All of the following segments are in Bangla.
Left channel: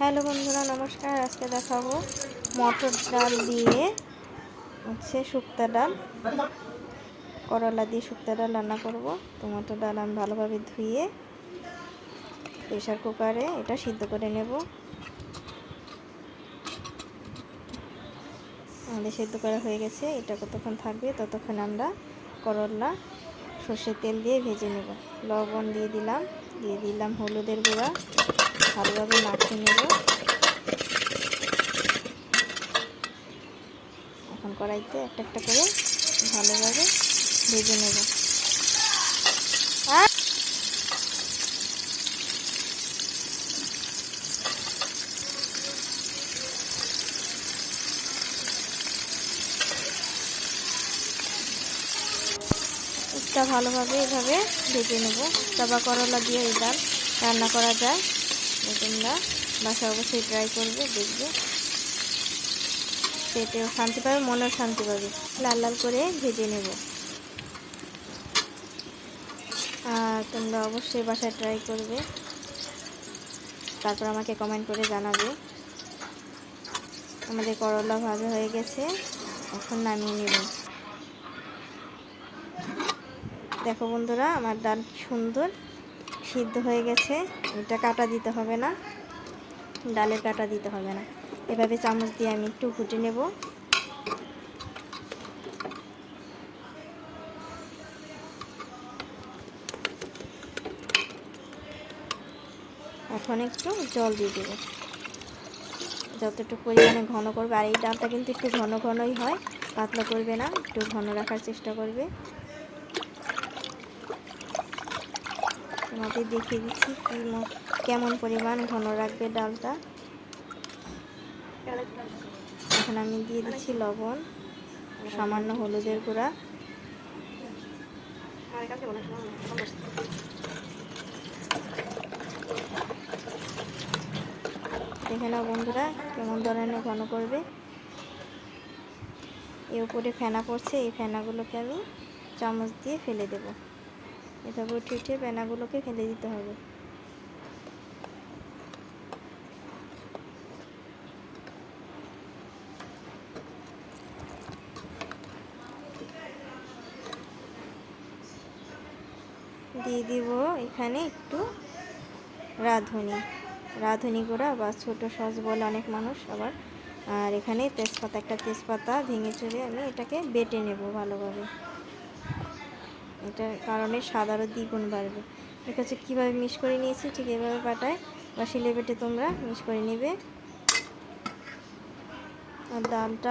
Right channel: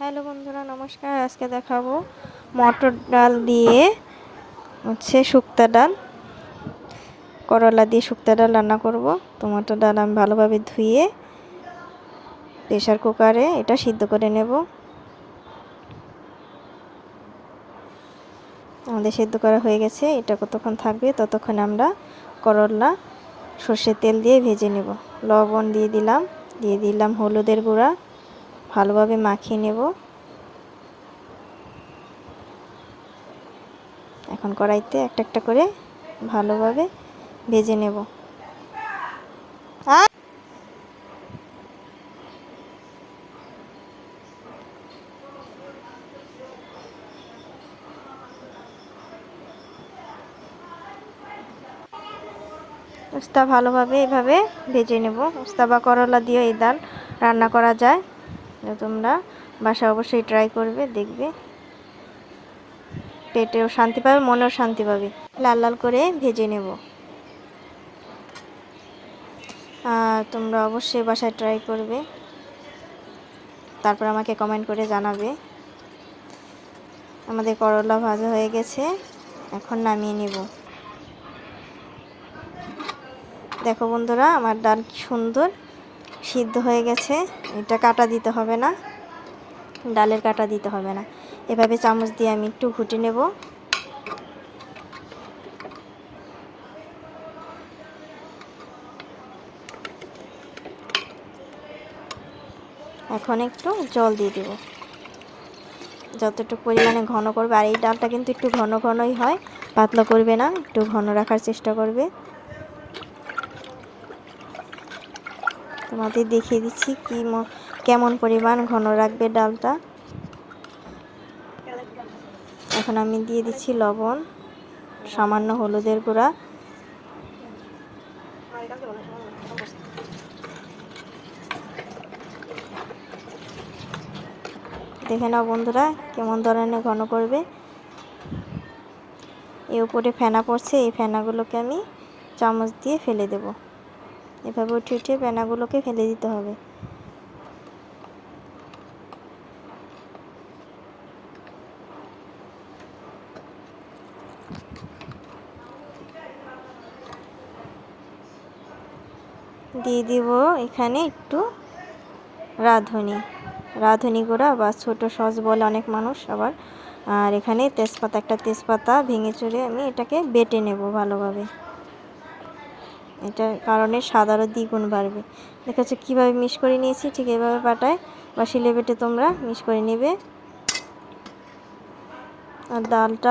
হ্যালো বন্ধুরা, নমস্কার। আজকে দেখাবো মটর ডাল দিয়ে শুক্তা ডাল, করলা দিয়ে শুক্তা ডাল রান্না করব। তো মটর ডাল আমি ভালোভাবে ধুয়ে প্রেশার কুকারে এটা সিদ্ধ করে নেব। আমাদের সিদ্ধ করা হয়ে গেছে। এটা কতক্ষণ থাকবে ততক্ষণ আমরা করলা সর্ষের তেল দিয়ে ভেজে নেব। লবণ দিয়ে দিলাম হলুদের গুঁড়া, ভালোভাবে মাখিয়ে নেব। এখন কড়াইতে একটা একটা করে ভালোভাবে ভেজে নেব। উস্তা ভালোভাবে এভাবে ভেজে নেব। উস্তা বা করলা দিয়ে এই ডাল রান্না করা যায়। তোমরা বাসায় অবশ্যই ট্রাই করবে, দেখবে পেটেও শান্তি পাবে, মনেও শান্তি পাবে। লাল লাল করে ভেজে নেব। আর তোমরা অবশ্যই বাসায় ট্রাই করবে, তারপর আমাকে কমেন্ট করে জানাবে। আমাদের করলা ভাজা হয়ে গেছে, এখন নামিয়ে নেব। দেখো বন্ধুরা, আমার ডাল কি সুন্দর সিদ্ধ হয়ে গেছে। এটা কাটা দিতে হবে না, ডালের কাটা দিতে হবে না। এভাবে চামচ দিয়ে আমি একটু ঘুটে নেব। এখন একটু জল দিয়ে দেব, যতটুকু পরিমাণে ঘন করবে। আর এই ডালটা কিন্তু একটু ঘন ঘনই হয়, পাতলা করবে না, একটু ঘন রাখার চেষ্টা করবে। তোমাদের দেখিয়ে দিচ্ছি কেমন পরিমাণ ঘন রাখবে ডালটা। এখন আমি দিয়ে দিচ্ছি লবণ, সামান্য হলুদের গুঁড়া, দেখে নাও বন্ধুরা কেমন ধরনের ঘন করবে। এর উপরে ফেনা পড়ছে, এই ফেনাগুলোকে আমি চামচ দিয়ে ফেলে দেব। এভাবে উঠে উঠে ফেনাগুলোকে ফেলে দিতে হবে। দিয়ে দিব এখানে একটু রাঁধুনি গুঁড়া বা ছোট সস বলে অনেক মানুষ আবার। আর এখানে একটা তেজপাতা ভেঙে চুরে আমি এটাকে বেটে নেব ভালোভাবে। এটার কারণে স্বাদ আরও দ্বিগুণ বাড়বে। দেখেছো কীভাবে মিক্স করে নিয়েছি, ঠিক এভাবে পাটায় বা শিলে বেটে তোমরা মিক্স করে নেবে। আর ডালটা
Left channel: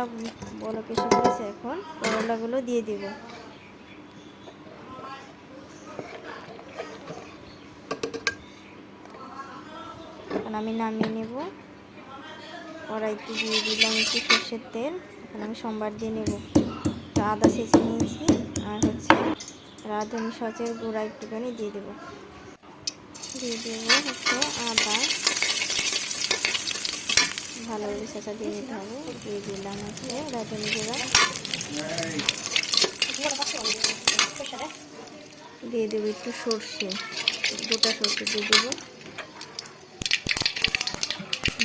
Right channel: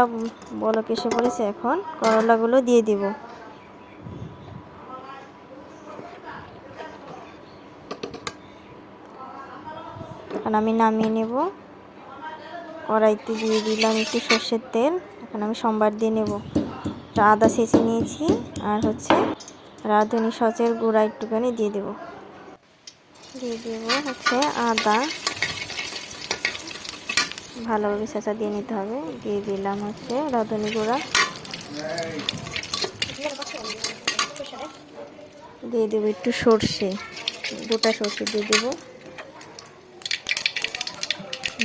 বলক এসে পড়েছে, এখন করলাগুলো দিয়ে দিব। এখন আমি নামিয়ে নেব। কড়াইতে দিয়ে দিলাম একটু সর্ষের তেল। এখন আমি সম্বার দিয়ে নেব। আদা ছেঁচে নিয়েছি, আর রাঁধুনি সসের গুঁড়া একটুখানি দিয়ে দেব। আদা ভালোভাবে ছেঁচা দিয়ে নিতে হবে। দিয়ে দিলাম রাঁধুনি গুঁড়া, দিয়ে দেবো একটু সর্ষে, গোটা সর্ষে দিয়ে দেবো।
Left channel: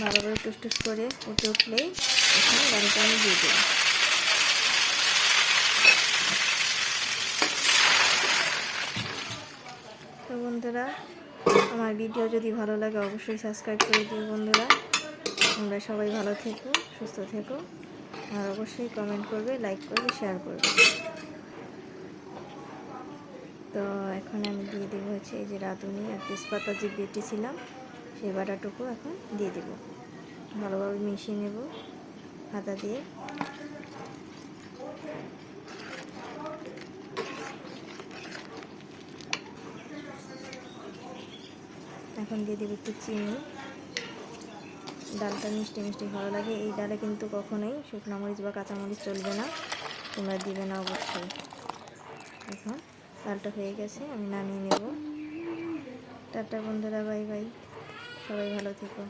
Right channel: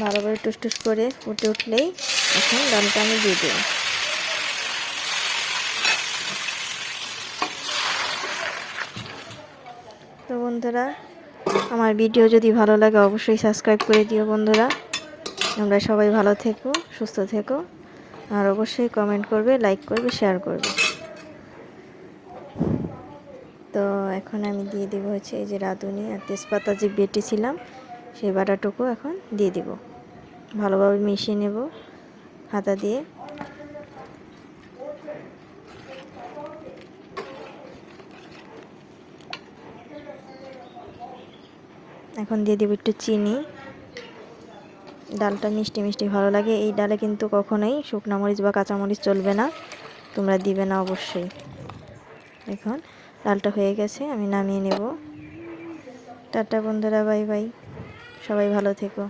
ভালোভাবে টুস করে ফুটে উঠলেই এখন ডালটা আমি দিয়ে দেব। তো বন্ধুরা, আমার ভিডিও যদি ভালো লাগে অবশ্যই সাবস্ক্রাইব করে দিও বন্ধুরা। তোমরা সবাই ভালো থেকো, সুস্থ থেকো, আর অবশ্যই কমেন্ট করবে, লাইক করবে, শেয়ার করবে। তো এখন আমি দিয়ে দেবো এই যে রাঁধুনি আর তেজপাতা যে বেটেছিলাম সেই বাটাটুকু এখন দিয়ে দেব। ভালোভাবে মিশিয়ে নেব হাতা দিয়ে। এখন দিয়ে দেবো একটু চিনি। ডালটা মিষ্টি মিষ্টি ভালো লাগে। এই ডালে কিন্তু কখনোই শুকনো মরিচ বা কাঁচামরিচ চলবে না, তোমরা দিবে না অবশ্যই। এখন ডালটা হয়ে গেছে, আমি নামিয়ে নেব। টাটা বন্ধুরা, বাই বাই, সবাই ভালো থেকো।